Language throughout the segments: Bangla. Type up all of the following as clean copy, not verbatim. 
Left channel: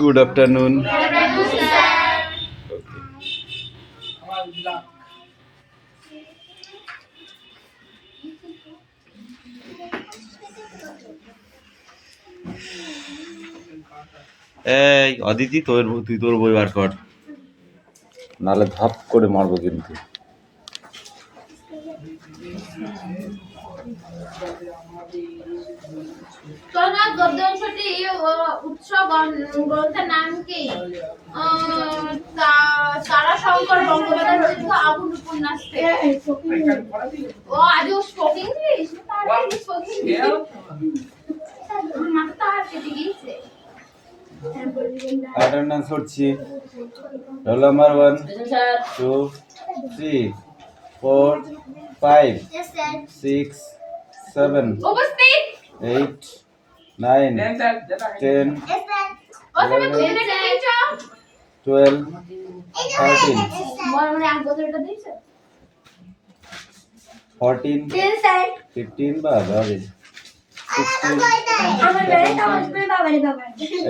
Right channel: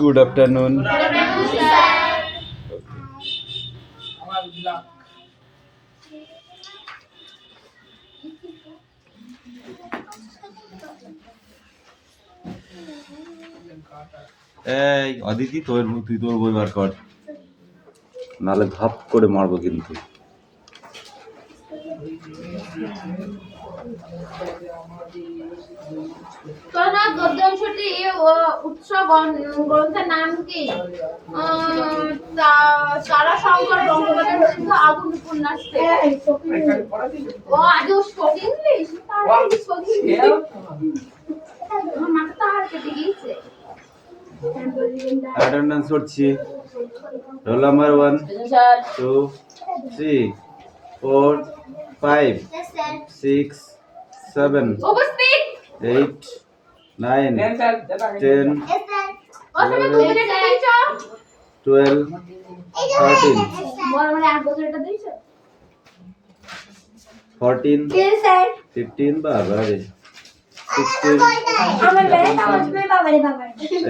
Good afternoon. এই অদিতি তুই তোর বই বার কর, নাহলে ধপ করে মারবো কিন্তু। গদ্যাংশটি উৎসব গ্রন্থের নাম কি? তারাশঙ্কর বন্দ্যোপাধ্যায় রচিত আগুন উপন্যাস থেকে। ও আজ স্পোক ইংলিশ, আমার মাথা তো আর কেটে গিয়েছে। অ্যাটেন্ডেন্স করছি। রোল নাম্বার 1 2 3 4 5 6 7 উপস্থিত 8 9 10 12 13 14 15 বাবা রে 16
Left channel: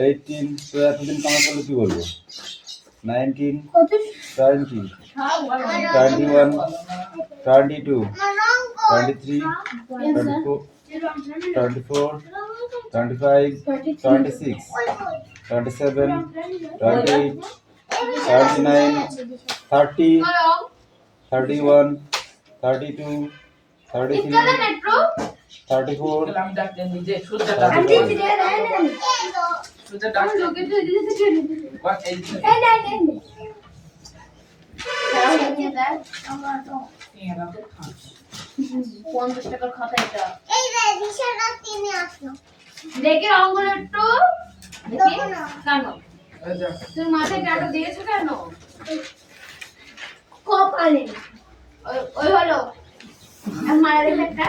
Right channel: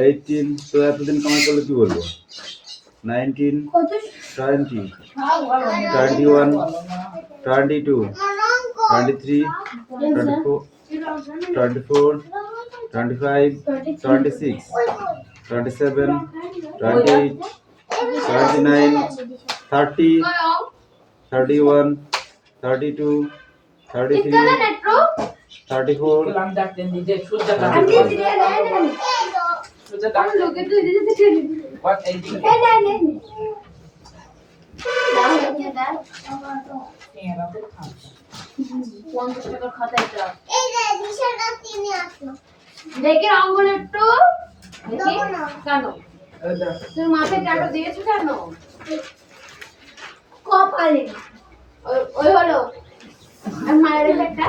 18 তো এতদিন কামাই করলে কি বলবো, 19 20 21 22 23 24 24 25 26 27 28 29 30 31 32 33 34 50 টাকার খাতা এটা। দেখে অঙ্গন একটু দেখি কেন তুমি মাথায় টাকা দিয়েছো কেন? কপালে ওই হলো মায়ের একটা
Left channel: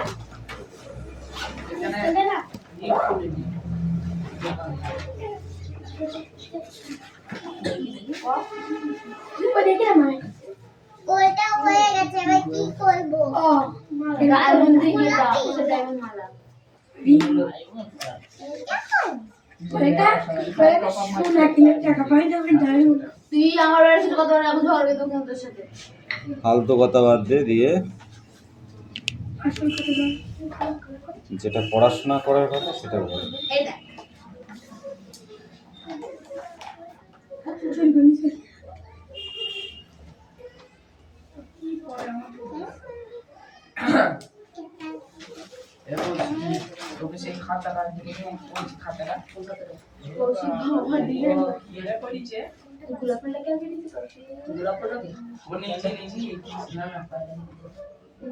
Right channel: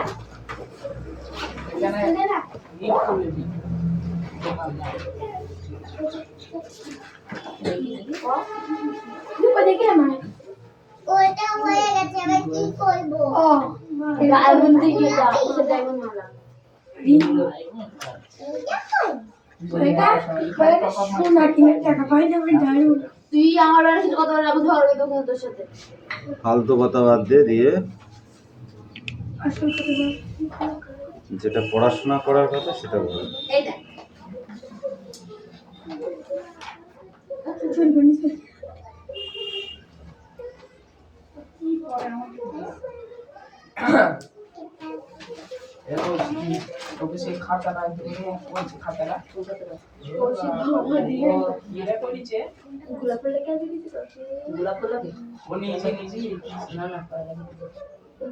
ওটা হয়ে গেছে, এবার কি করবো? ডায়মন্ড দিয়ে দাও, ওটা ডায়মন্ড মালা। তুই আমার বাড়ির সাথে কথা বলে আমি ঝগড়া করবো তোর সাথে। ফালতু কথা বাদ দিয়ে যেটা পড়াশোনা করার কথা সেটা বল। এই দেখ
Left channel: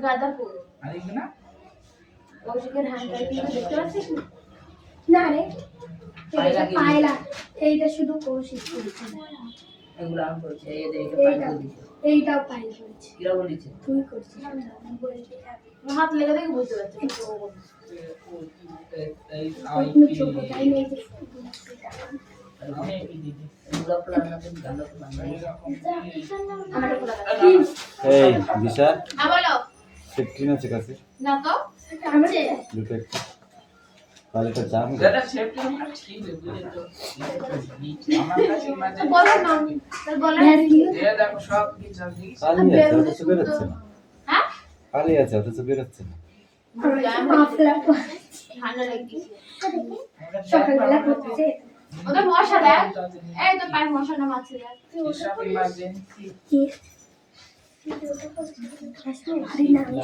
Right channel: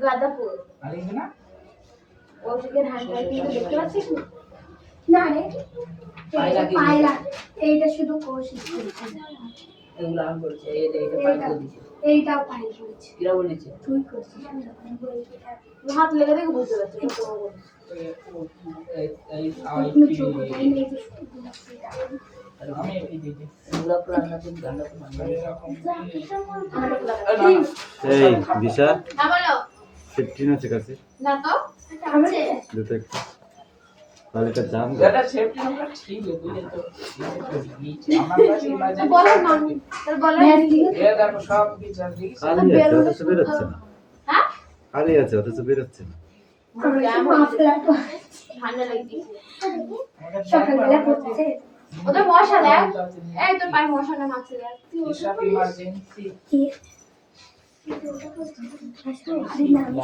গাদাপুর ওষুধের হ্যান্ডরাইটিং দেখতে পাচ্ছিস না? রে পায়লা এইটা শুধু কোশিশ করেছি, এগুলো আমি বলছি এই যে এটা পাই দিয়েছে, এইটা পাই বলছি কিরা বলেছে তুই করছিস হাত লেগে দেখে বুঝতে পারছি এই আমি এই দিকে এগুলো প্ল্যান না করে গান্ডা করে বানাই এই দিশা হ্যাঁ বলো 15 আছে কাছে না তো আছে দুটো একটা তাহলে এটা জান গাটা সেফটি আমরা ঠিক আছে বুঝে তো আমার কাছে ইমাজিন বলো না তার বলো এ দেখো সব কিছু আছে খালি আছে অথচ বেরোচ্ছে না। হ্যাঁ খালি আছে অথচ বেরোচ্ছে না। ঠান্ডা লাগছে সকালবেলা করতেছে ওদের মশা দেখ এই তো পাই মশা না মাছ দেখ সব ইমার্জেন্সি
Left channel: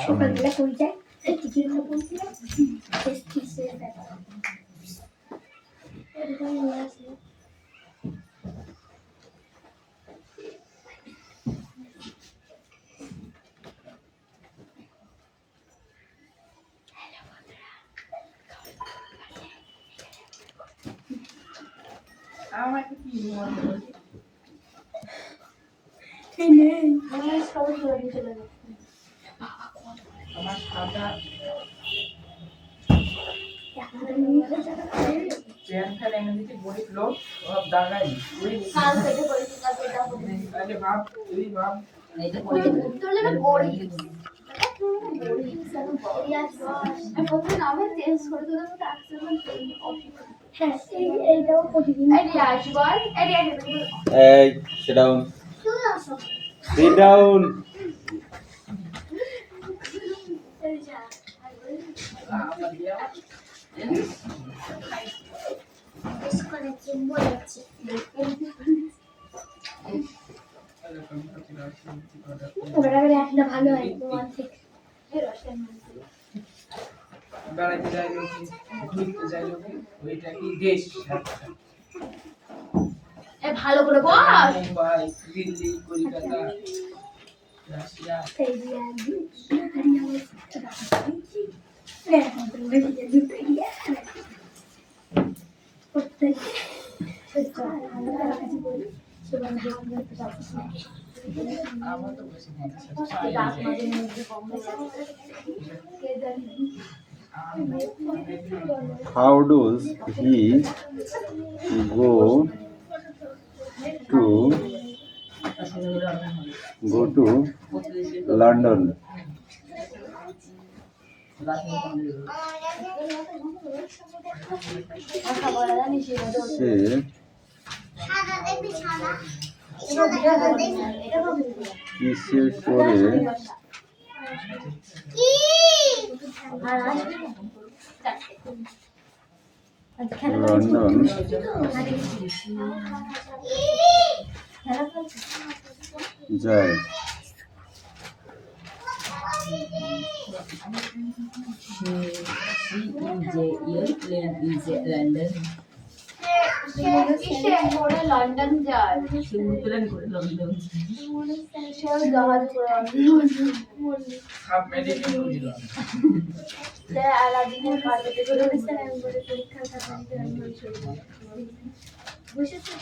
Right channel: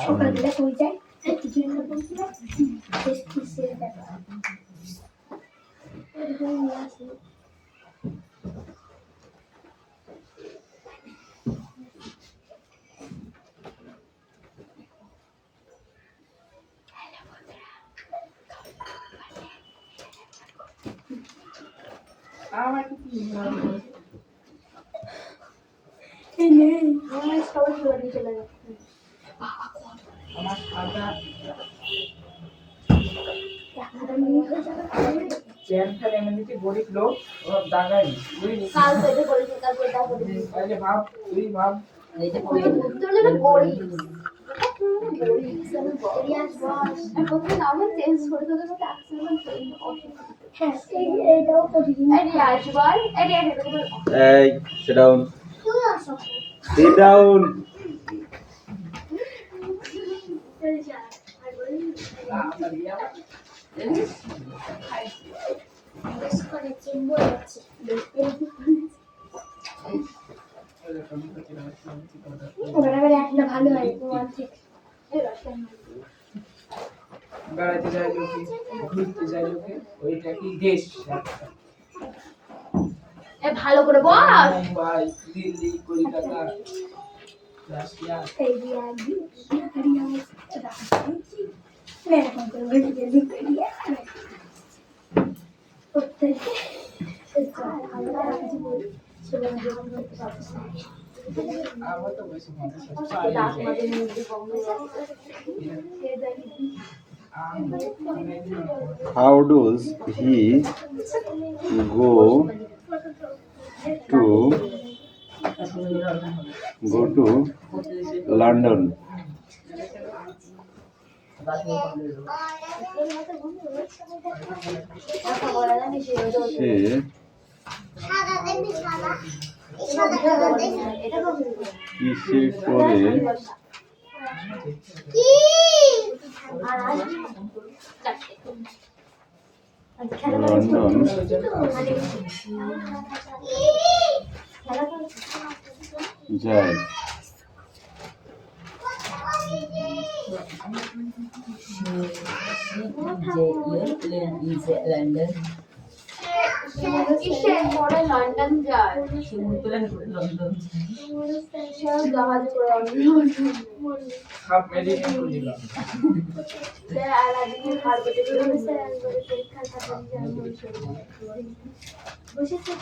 সকালবেলা কই যায় কিছু না বলছিলাম আমার কি সবাই চলে যাচ্ছে আমার খাতা চেন ফেলে এমনিতে গরিব লোক ও দাগাই কাল পেটে পড়েছে কাল পেটা পড়েছে তাহলে ভাব তুই ভাব এইটা করে তোর লাগে বড়ি রিয়াজ বস আমি প্রথমে নামে চেঞ্জ করে তোদের মধ্যে অ্যাক্সেসমেন্ট হ্যাঁ এইটাও প্রতিদিন রিয়াজ বল রিয়াজ এই sit down, sit down. আবার দিয়া বেশ করেছি বলেছি ওরা একটা ভালো হয় ওয়ান থেকে এই রসটা বেড়াইতে যাই লোকে ঘুরতে যাই লোকে ওইটা কি দেশ এ ভালো করে বস মুম্বাই দিল্লি কলকাতা রাশিয়া এই রিয়াজ রিয়াজ এরকম করে বেরিয়ে দিতে রিয়াজ প্রত্যেকে আমার তো বেশি মজা How does he go to London? সে সাদা দেখবি সাদা এই সাদা সাদা দেখবি কিসে করে কি লন্ডন যায়? কিসে করে লন্ডন যায় জাহাজ করে সব মেডিকেল করেছিল সে আলাদিনের কার্পেটে করে একবারে পরীক্ষা খাতা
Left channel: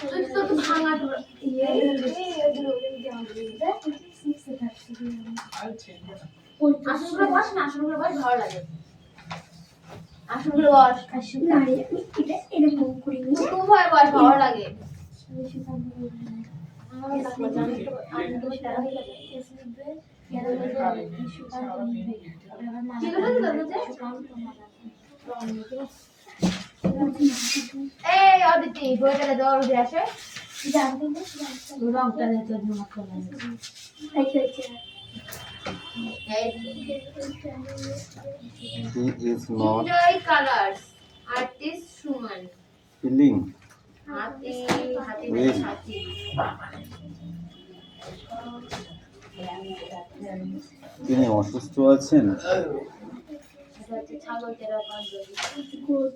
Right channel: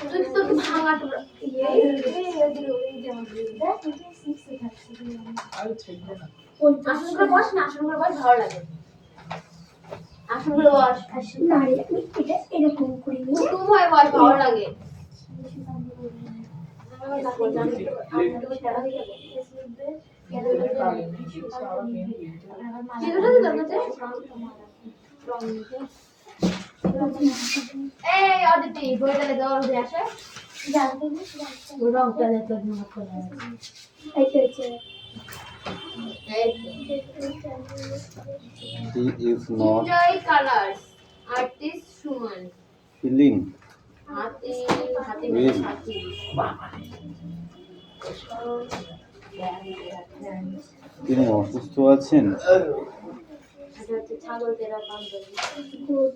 তুই তো ভাঙা তোরা এই আর ছেড়ে না আসন করে বস না আসন করে বস ভালো লাগে আসন করে বস না রে এটা এরকম করে নি তোমায় বস ভালো লাগে এই অদিতি বইটা দে দৌড় দিয়ে আসে রংটা দে তোর মত লাগে He is not enjoy colors artist Suman feeling হাতি হাতি Well. হাতি তিনি অসুস্থ আছেন। এটা হচ্ছে ছাগল তেরা পাঞ্জাবি গুড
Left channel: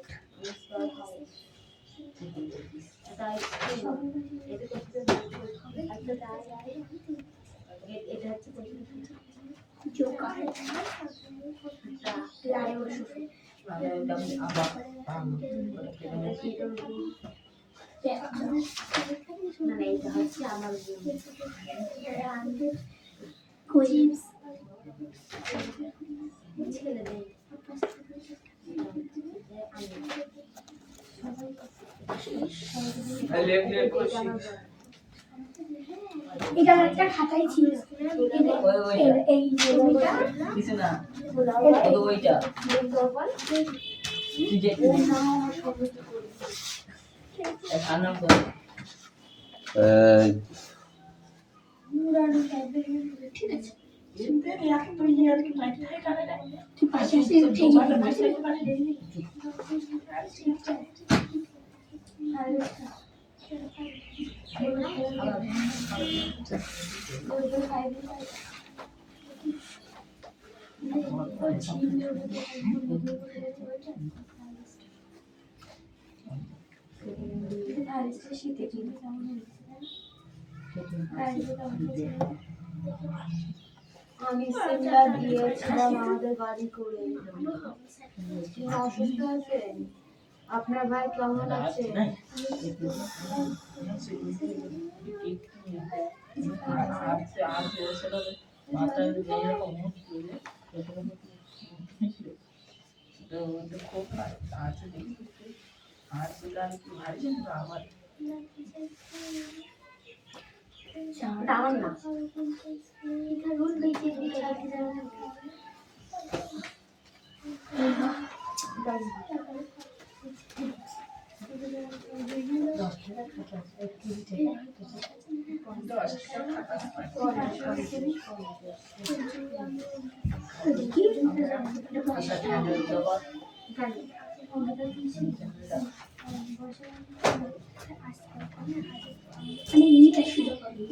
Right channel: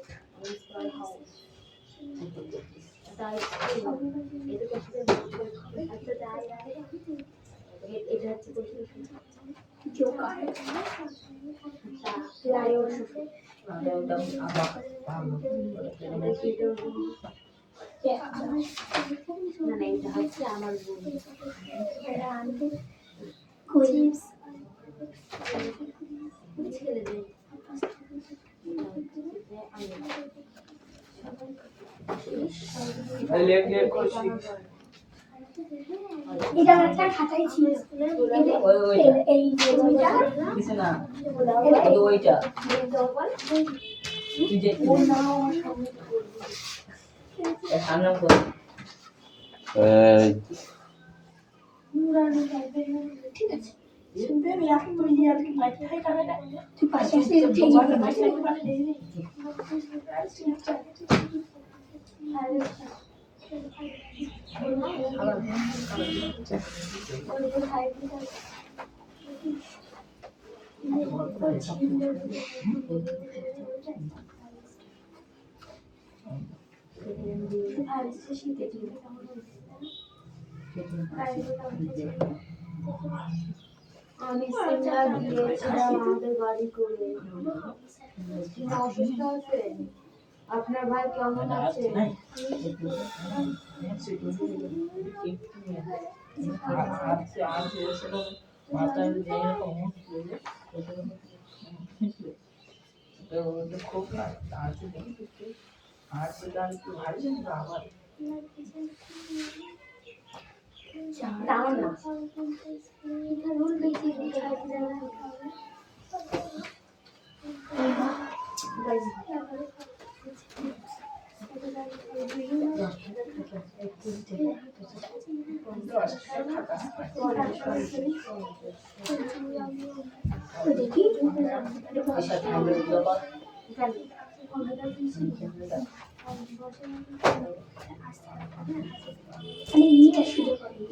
হাউস এটা এটা হচ্ছে জোকার লায়ন না না এটা হচ্ছে আমার বোন কুইপস ছেলে দেয় লেখ লেখ করছি এটা আমার একটা খাতাই ছিল এই ছবিটা কিছু না এই ওইটা তুই তুই যে সামনে করে এই ঠিক আছে তুই পাশে আসলে উঠে আমি সিমলা গিয়েছিলাম আমাদের বাড়ি করে অসুস্থ আছেন আপনার ভাই কেমন আছে খুব আছে দেখি আর সেটা একটু ভারী কিন্তু আবার দাঁড়ান না দেখি মানে ইটা শুরু করি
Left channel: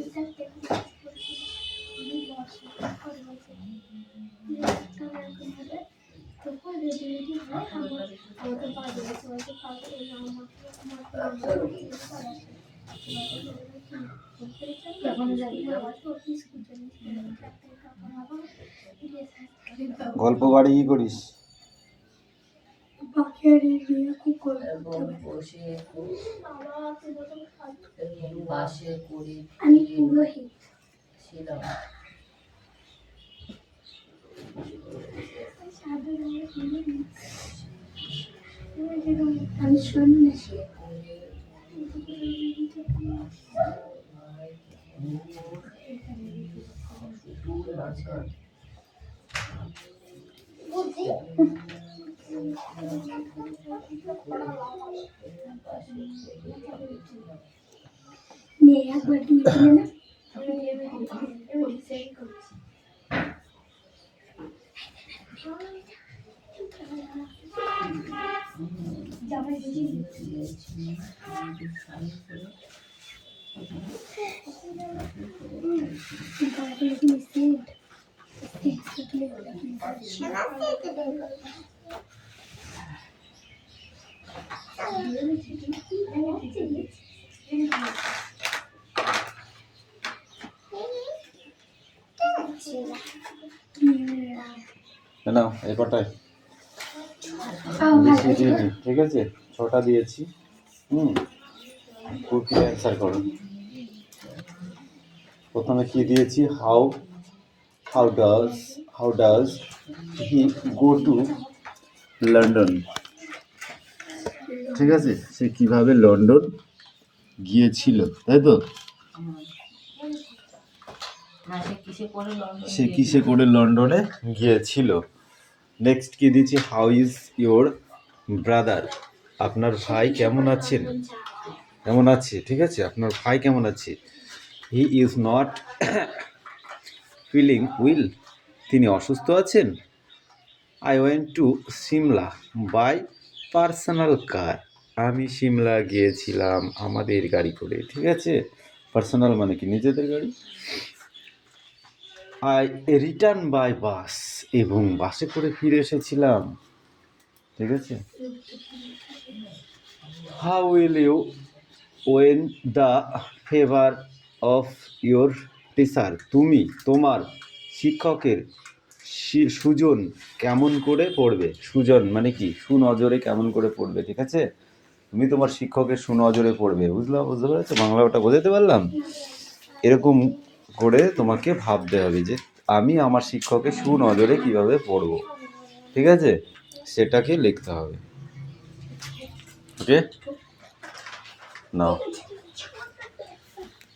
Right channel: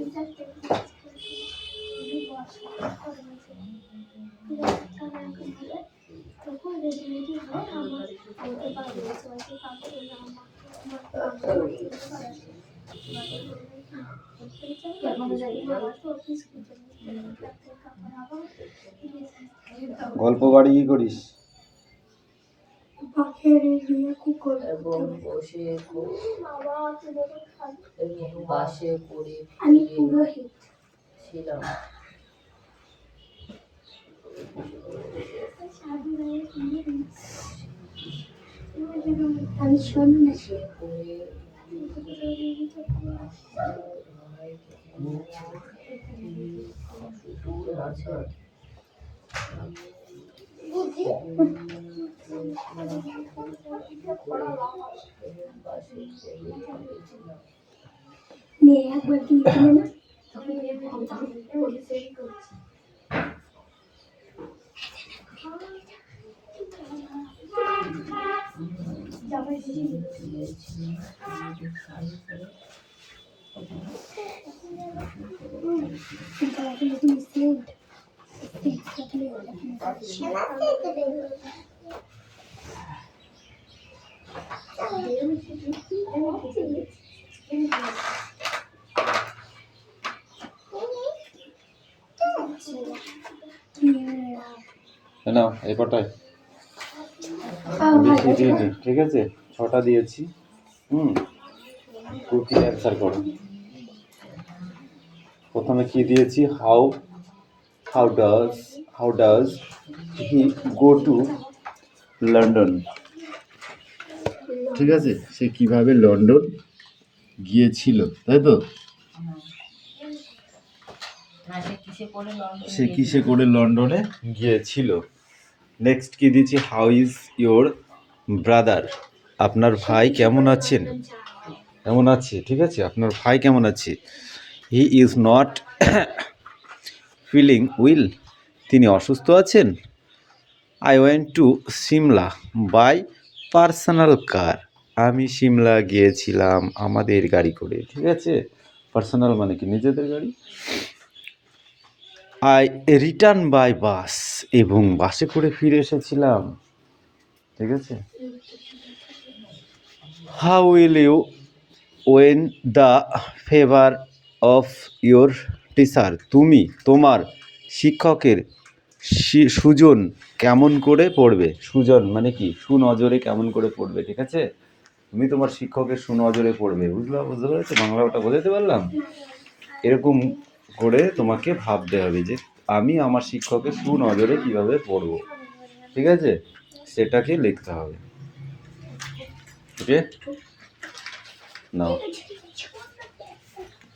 গল্প বাড়ি কি করিস? এবং বসে বাসে করে আমি পুরোহিত ছিলাম। আমি সন্ন্যাসী মেয়ে একবার কি না নাও এই কটায় বেশি দিইনি, ঠিক আছে? 6টা দিয়েছি। কুকি অ্যান্সার করো। প্রথমে কি দিয়েছি? How does he go to London. ঠিক আছে, সে কিভাবে লন্ডন গিয়েছিল, তাই তো? সে কিসে করে লন্ডনে গিয়েছিল। নেক্সট কি দিয়েছি? How is your brother? আপনার ভাই কেমন আছেন? কেমন আছে, ঠিক আছে? আপনার ভাই কেমন আছে? He is not feeling well. তিনি অসুস্থ আছেন। I went to Simla by personal car. আমি সিমলা গিয়েছিলাম আমাদের গাড়ি করে, ঠিক আছে? পার্সোনাল মানে কি নিজেদের গাড়ি। I return by bus. এবং বাসে করে ফিরে এসেছিলাম, ঠিক আছে? How will you win the favour of your teacher. তুমি তোমার শিক্ষকের সুজন কেমন করে পড়বে। সুজন মানে কি? সুনজরে কেমন করে পড়বে, ঠিক আছে? তুমি তোমার শিক্ষকের সুনজরে পড়বে। বুঝতে পেরেছো? বাংলা ওটা বোঝাতে পারলাম? এরকম করে তোমাকে ভাবতে হবে যে আমি আমার শিক্ষকের সুনজরে কিভাবে পড়ব, ঠিক আছে? সেটাকে লিখতে হবে। ওকে, নাও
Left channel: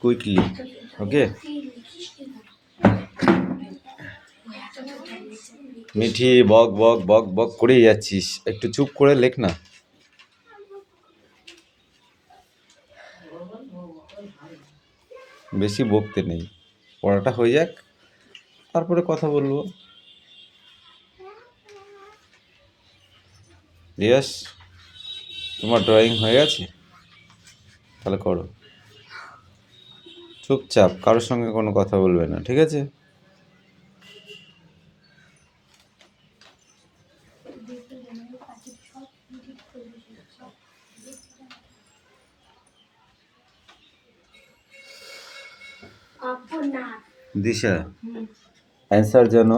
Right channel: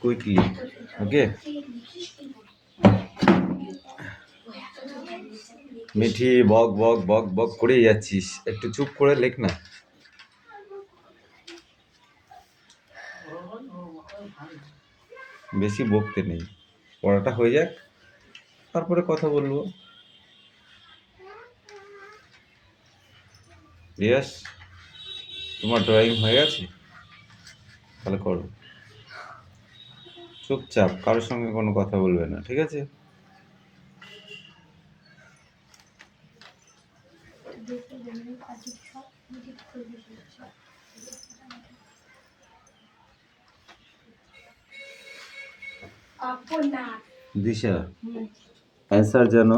কুইকলি। ওকে মিঠি, বক বক বক বক করে যাচ্ছিস, একটু চুপ করে লেখ না। বেশি বকতে নেই, পড়াটা হয়ে যাক, তারপরে কথা বলবো। ইয়েস, তোমার ড্রয়িং হয়ে গেছে? তাহলে করো। চুপচাপ, কারোর সঙ্গে কোনো কথা বলবে না, ঠিক আছে? দিশা, অ্যান্সার যেন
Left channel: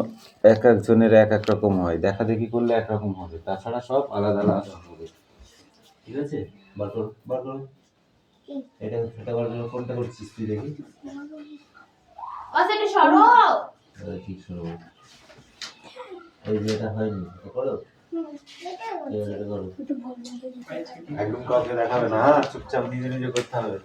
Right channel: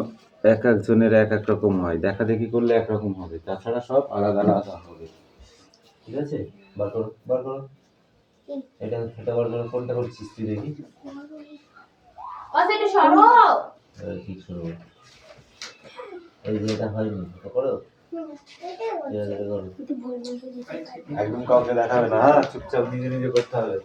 এক একজনের এক এক রকম হয়। দেখা দেখি করলে একরকম হবে, তাছাড়া সব আলাদা আলাদা হবে, ঠিক আছে? বার করো, বার করো। এটা বার করো। কোনটা করছিস তুই দেখি? ঠিক সরো। এই যে এটা হয়নি, এটা করো। এটা করো। একদম কাউকে দেখাবে না, হ্যাঁ? চুপচাপ নিজে নিজে করতে হবে।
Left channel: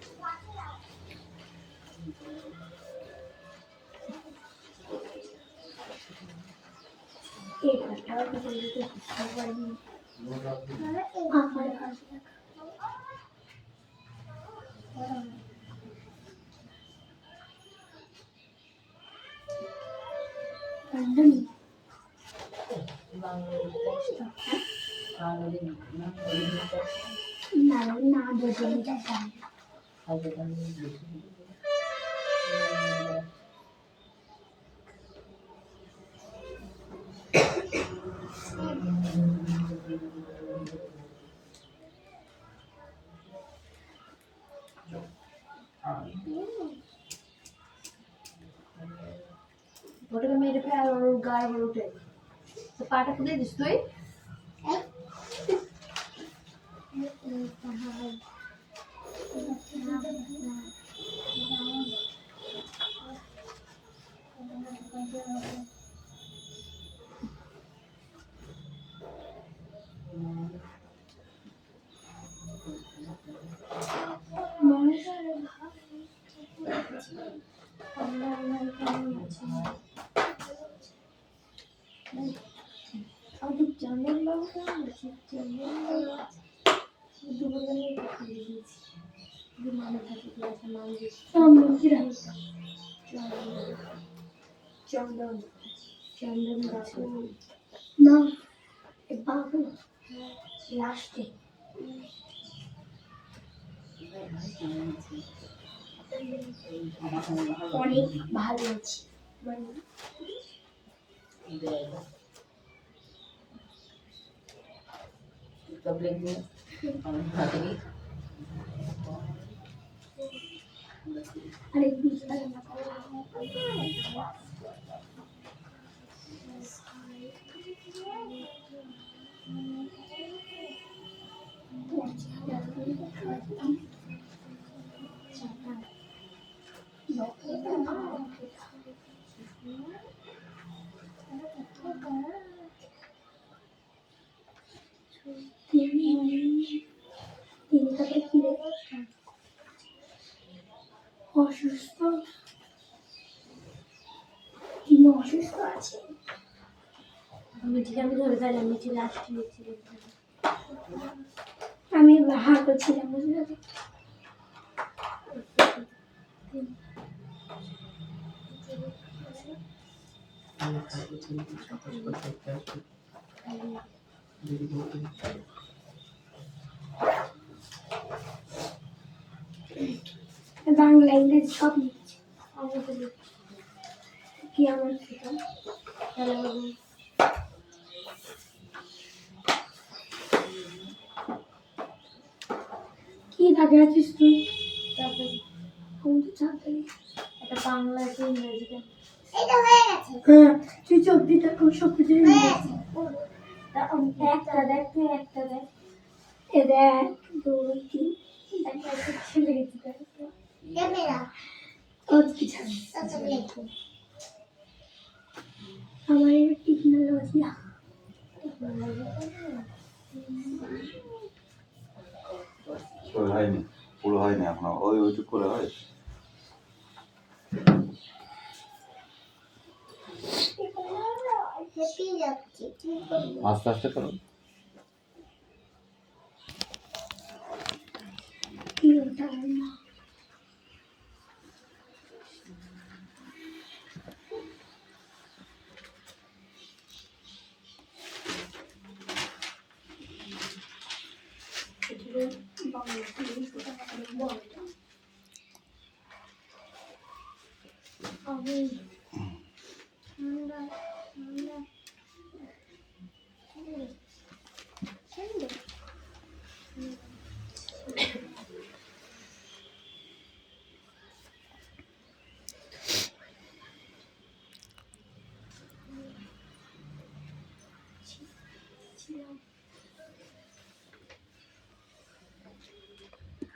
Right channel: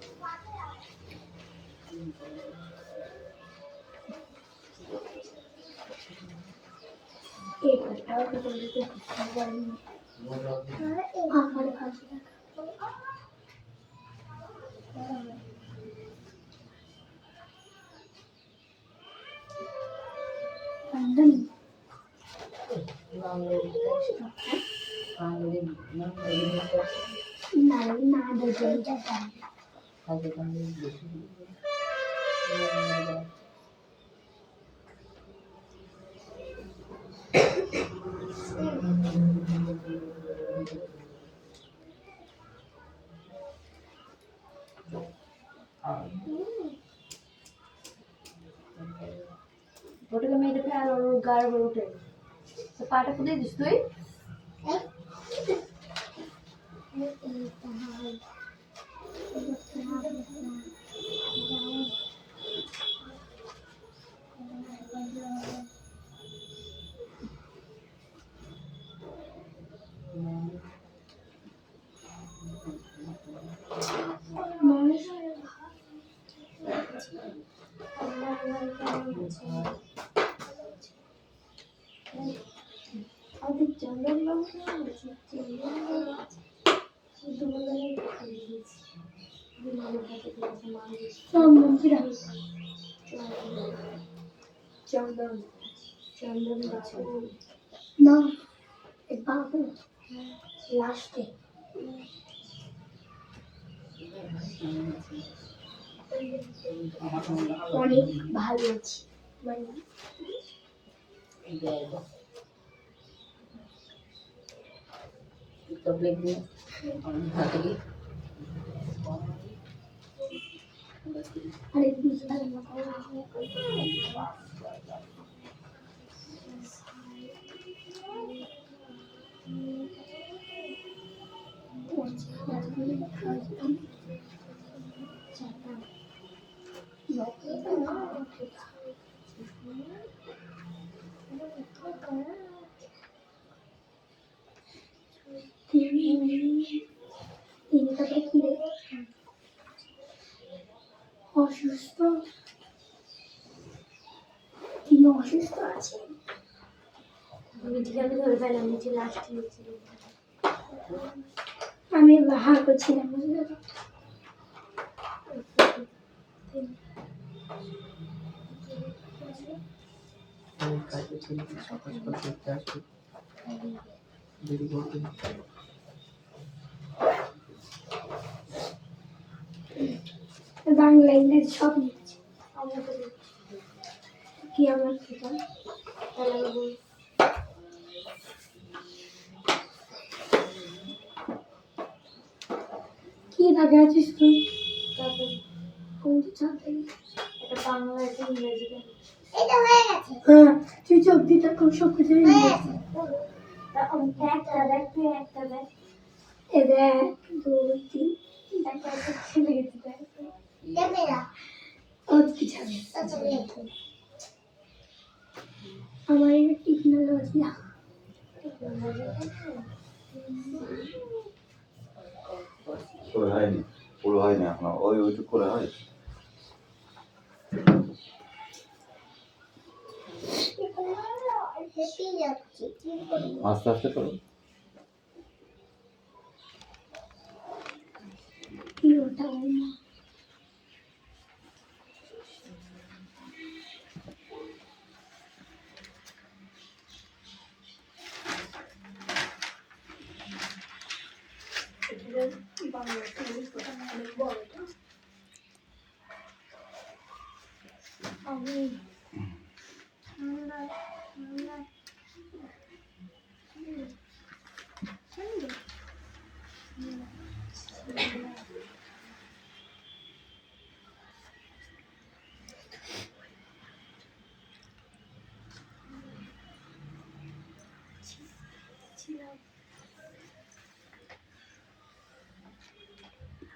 ওটাকে মেরে ফেলে আর ওর গাড় উপর উঠে তো পাটা খুলে দিস তুই না বাবু লাস্টে অনেক ভালো আছি মানে আরে বিশাল না তিনি তাকে কিনে অসুস্থ তিনি অসুস্থ আছেন আমি ধরে ফেলাম নিচে লাস্টে নিচে আমি হার করছিলাম বুঝলে বাংলা ইংরেজি সব লিখছি আমরা তো কি আমার খেতাম কি দাগে আছিস তুই তারপরে কোনটা চাপে একটা বাংলা একটা ইংরেজি এটা হয়ে গেছে হ্যাঁ তুই চোখ দিতে খুব সব কিছু হয়ে গেছে একটা দেখ তুই একটা দেখ এ দেখ 2 3 একটা ছেলে গেছে ক্যামেরা কত কিছু আমার টেকনোলজি হয়নি পুরো হয়নি এখনো ওইটুক করে হয় হেপি যাচ্ছে আস্তে আস্তে করো কি ওটা না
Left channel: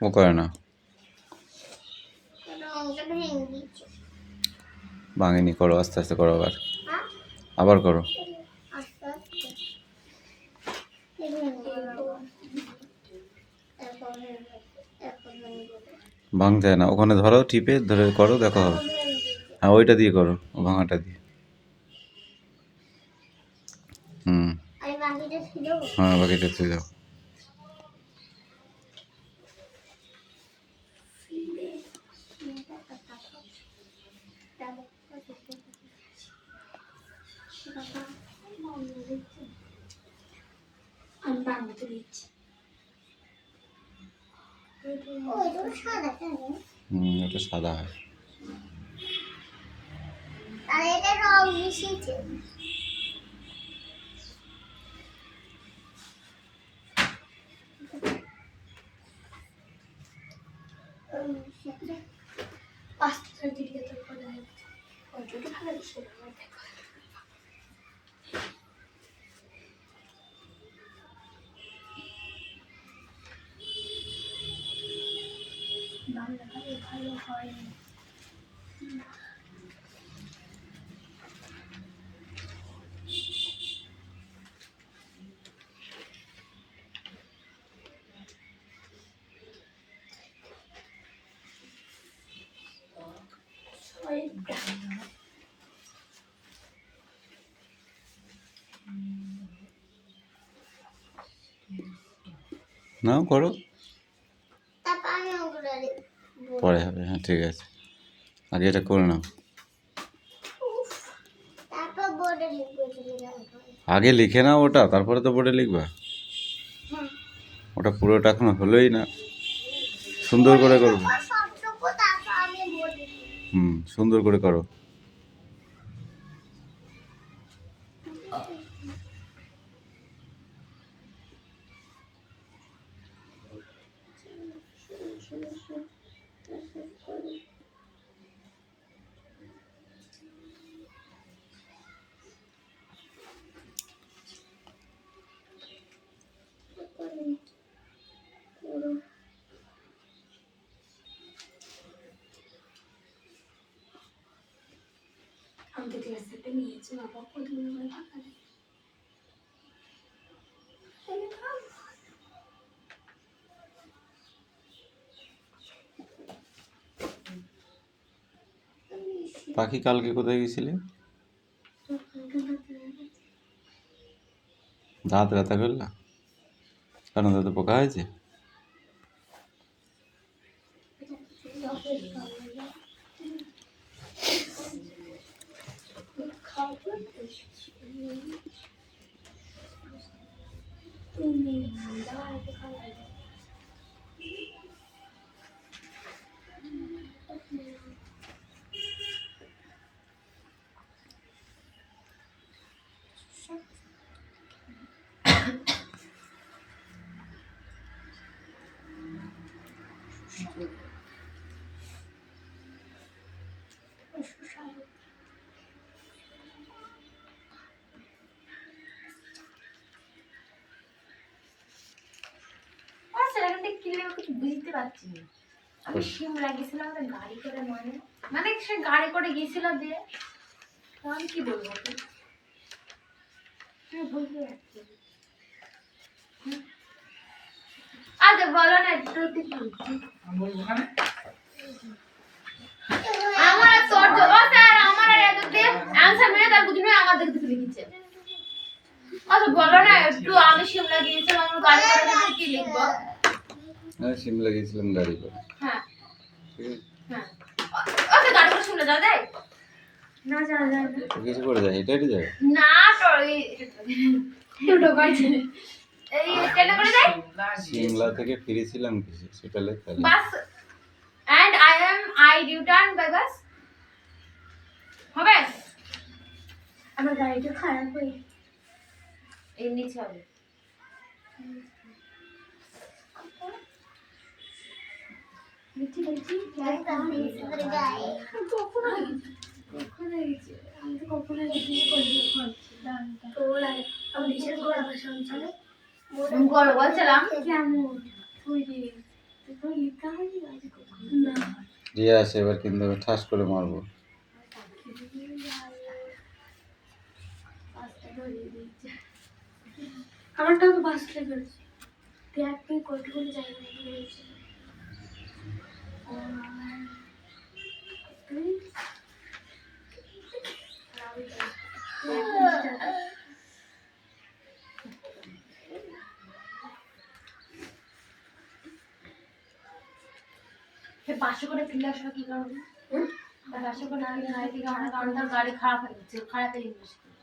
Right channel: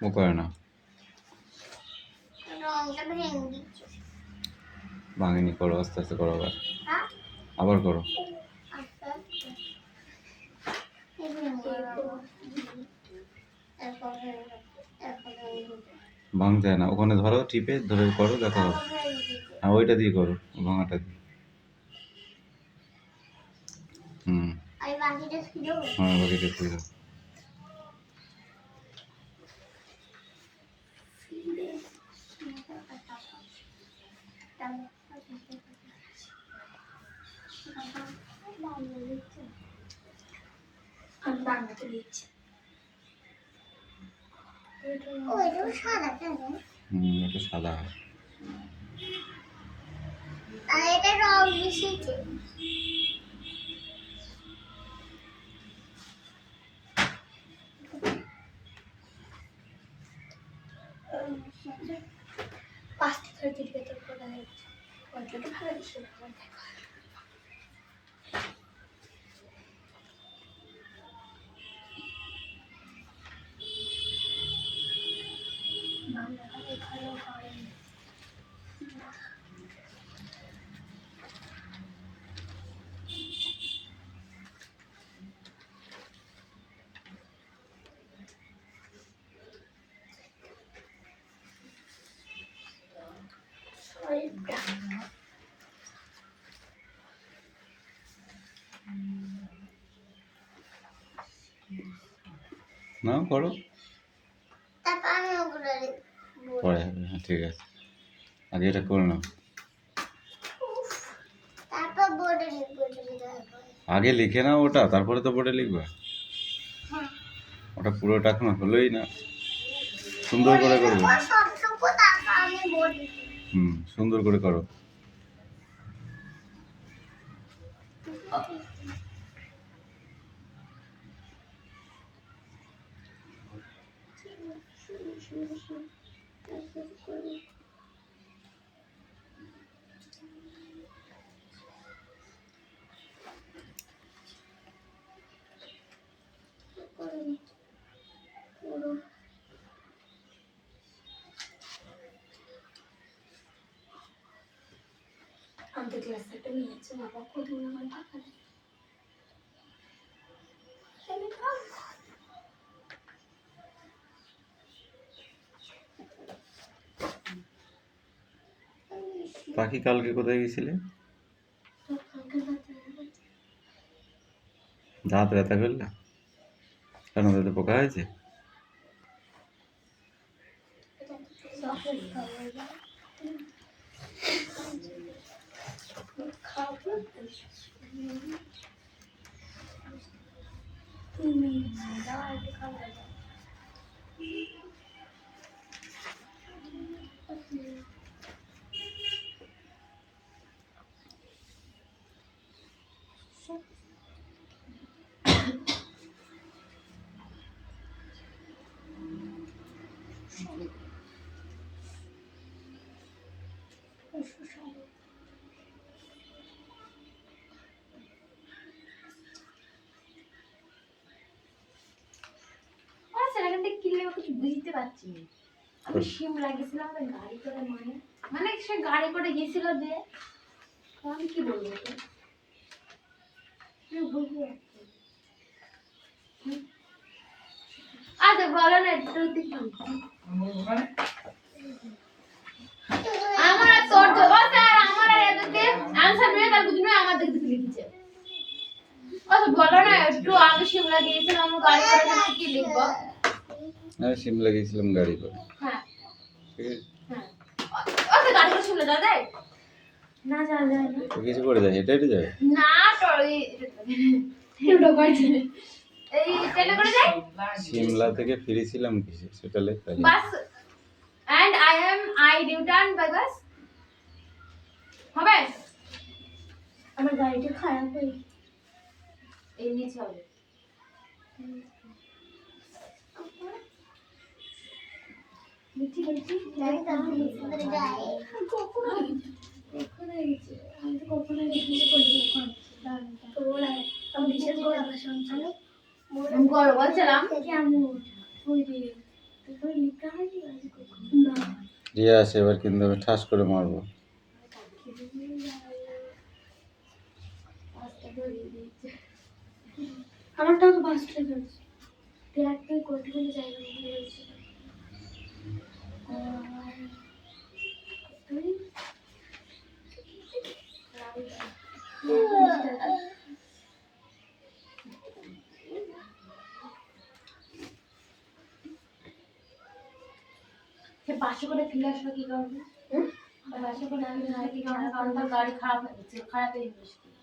ও করে না রংটা ভেঙে দিচ্ছে ভাঙেনি করো আস্তে আস্তে করো আবার হ্যাঁ আবার করো আস্তে আস্তে এখন ভাঙতে হয় না ওখানে ধরো টিপে ধরে করো দেখো হবে হ্যাঁ ওইটা দিয়ে করো ভাঙাটা দিয়ে হুম, আমি বাকিটা ছিল হ্যাঁ বাকিটা তুই দাও। আমি বাংলাতে লিখছি। ও এটা সাদা কেন এটা সাদা হয়। আর এটা রং মিশিয়েছে পাঁচটা সার্টিফিকেট তো করে দিয়েছে। কতটা ভালো লাগছে আমার দেখো। বাংলাটা ভালো হয়। ছয়টা। নাও করো, তারপর আমি ওগুলো পরে হবে। হ্যাঁ ঠিক আছে, আগে এটা করে নাও। তারপর বোর্ডে লিখবো যদি তারপরে আগে লিখে নাও ওটা, তারপরে তো বোর্ডে লিখবা। হ্যাঁ ওটা পুরোটা এখনো হলোই না, সুন্দর করে করবো। সবটুকু তারপর আমি বোর্ডে হুম, সুন্দর করে করো। আমাদের ক্লাসে একটা মেয়ে আছে, বাবা কতগুলো আমার ফাঁকা নেই। পাখি কালকে কোথায় গেছিলে? দাঁত ব্যথা করলা? কেন, দাঁতে পোকা হয়েছে? তুমি দাও একটু খাবার দাও। কিছু বুঝতে পারছি না। আমি শিমলা গেছিলাম আমাদের গাড়ি করে, মানে সে গাড়ি করে গেছিল যে, আমি কি বলবো ওকে? আমি বুঝতে পারছি না। আচ্ছা বলো না একটু দেখি। ওখানে আমার আর তোর ও স্যার আমার আর এততে অ্যানসার মেরে তার বুঝিনি আমার দেখতে লিখেছে। আচ্ছা বলো না একটু, আমি শিমলা গিয়েছিলাম আমরা গাড়ি করে, আমি কি লিখবো? হ্যাঁ, সিমলা গেছিলাম গাড়ি করে। হ্যাঁ ঠিক আছে, হ্যাঁ ওকে গাড়ি করে শিমলা যাওয়া যায় না? যাওয়া যায় না। তো কিছু করে যায়, হেঁটে হেঁটে যাবে। না তোর এই দুটো গাড়ি এই ট্রেনে করে যায়। সিমলা থেকে ফিরেছিলাম কিসে সেটা লেখ তাহলে। বাস and I return by bus হবে। আমার গাড়িটা খারাপ হয়ে এর নিচে হবে। মিঠি মিঠি একটা ভিতরে গায়ে কখন গেছে? আমি তো কখন গেছি তোর আমি নিচের ঘর আবার শুনছিলাম আমি ঘর বলছিলাম কেমন ওই যে তোর লিখা হয়নি আজ কখন না রিয়া আসে এবার কিন্তু আমি ঠাস করে মারবো। আমারটাও তো বাসটা ধরেছে। দেখ তুই কতগুলো জায়গা নিয়ে গেছে। 500 করে কিনলে আসলে কি করবে? 500 করে কিনলে হয় কি কারণ তার গাড়ি খারাপ হয়ে গেছে, খারাপে ইনভেস্ট করে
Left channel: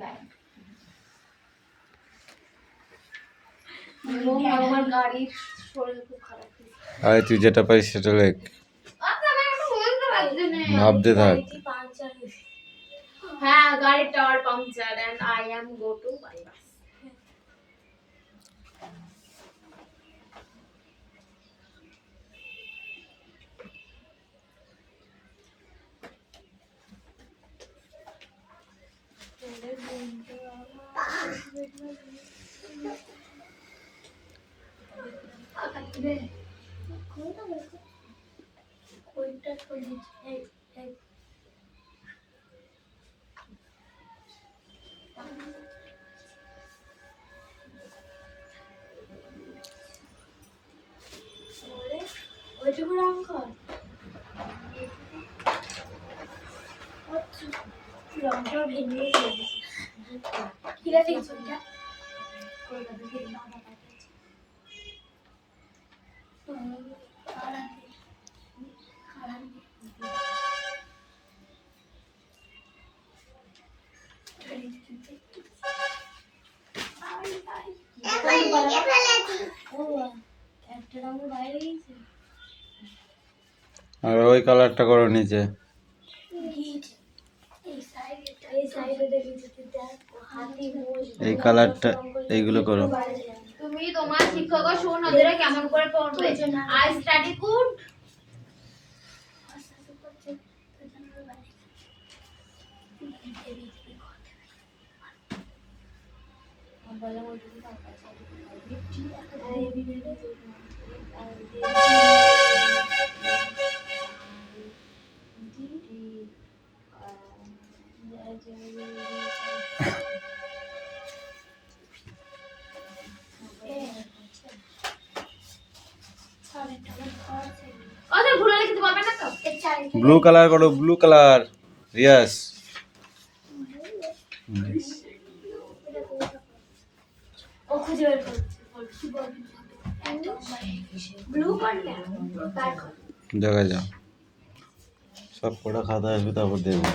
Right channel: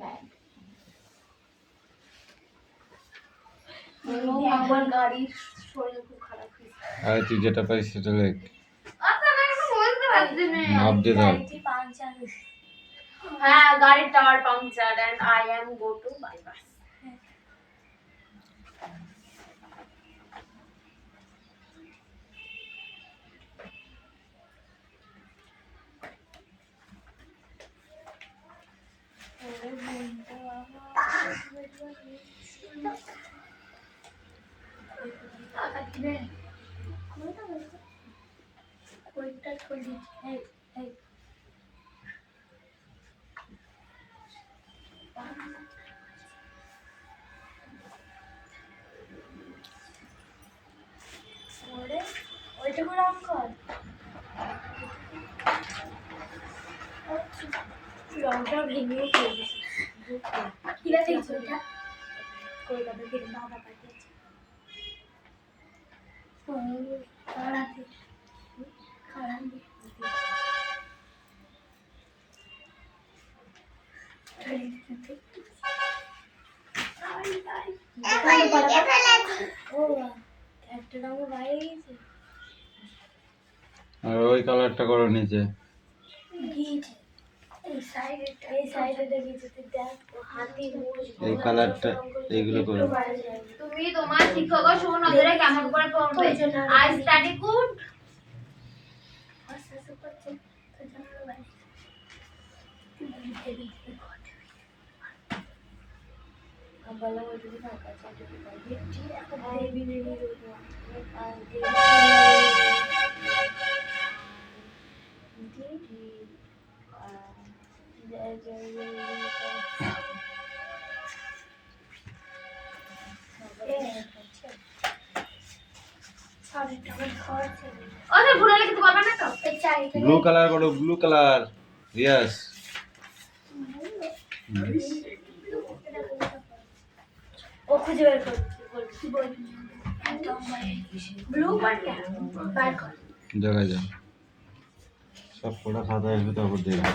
ব্যাগ আমার গাড়ির শরীর খুব খারাপ হয়েছে। আরে তুই যেটা পারিস সেটা লেখ, আপনারা একটু বলতে পারছেন না। ভাবতে থাক। হ্যাঁ, গাড়ির tyre puncture and I am go to bypass. ওইটুকু রং কর, রংটা ভেঙে ফেলেছে। কিরা দেখছো এটা? কলকাতা থেকে বাবা পাঠিয়েছে। কারাতে কারাতে একটা রঙ বাইরে গেছে। আর ওই কালারটা করো নিচে। এই কালারটা এইগুলো করো। তুমি তোমার শিক্ষকের সুনজরে কেমন করে পড়বে? I study good. ওদের ভুলে লিখতে পারবে না তো? ব্লু কালার করো, ব্লু কালার। রিয়াস ও খুঁজে বের করছে, কি বলবি? ব্লু কার্ড না, বার কর। দেখা যাও, সব কটা খাতা আসবে তারপর দেখবে।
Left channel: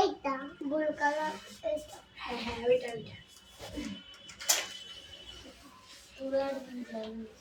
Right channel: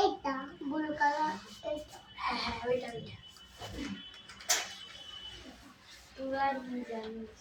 এইটা ব্লু কালার, এইটা হ্যাঁ ওইটা তুই আর জানিস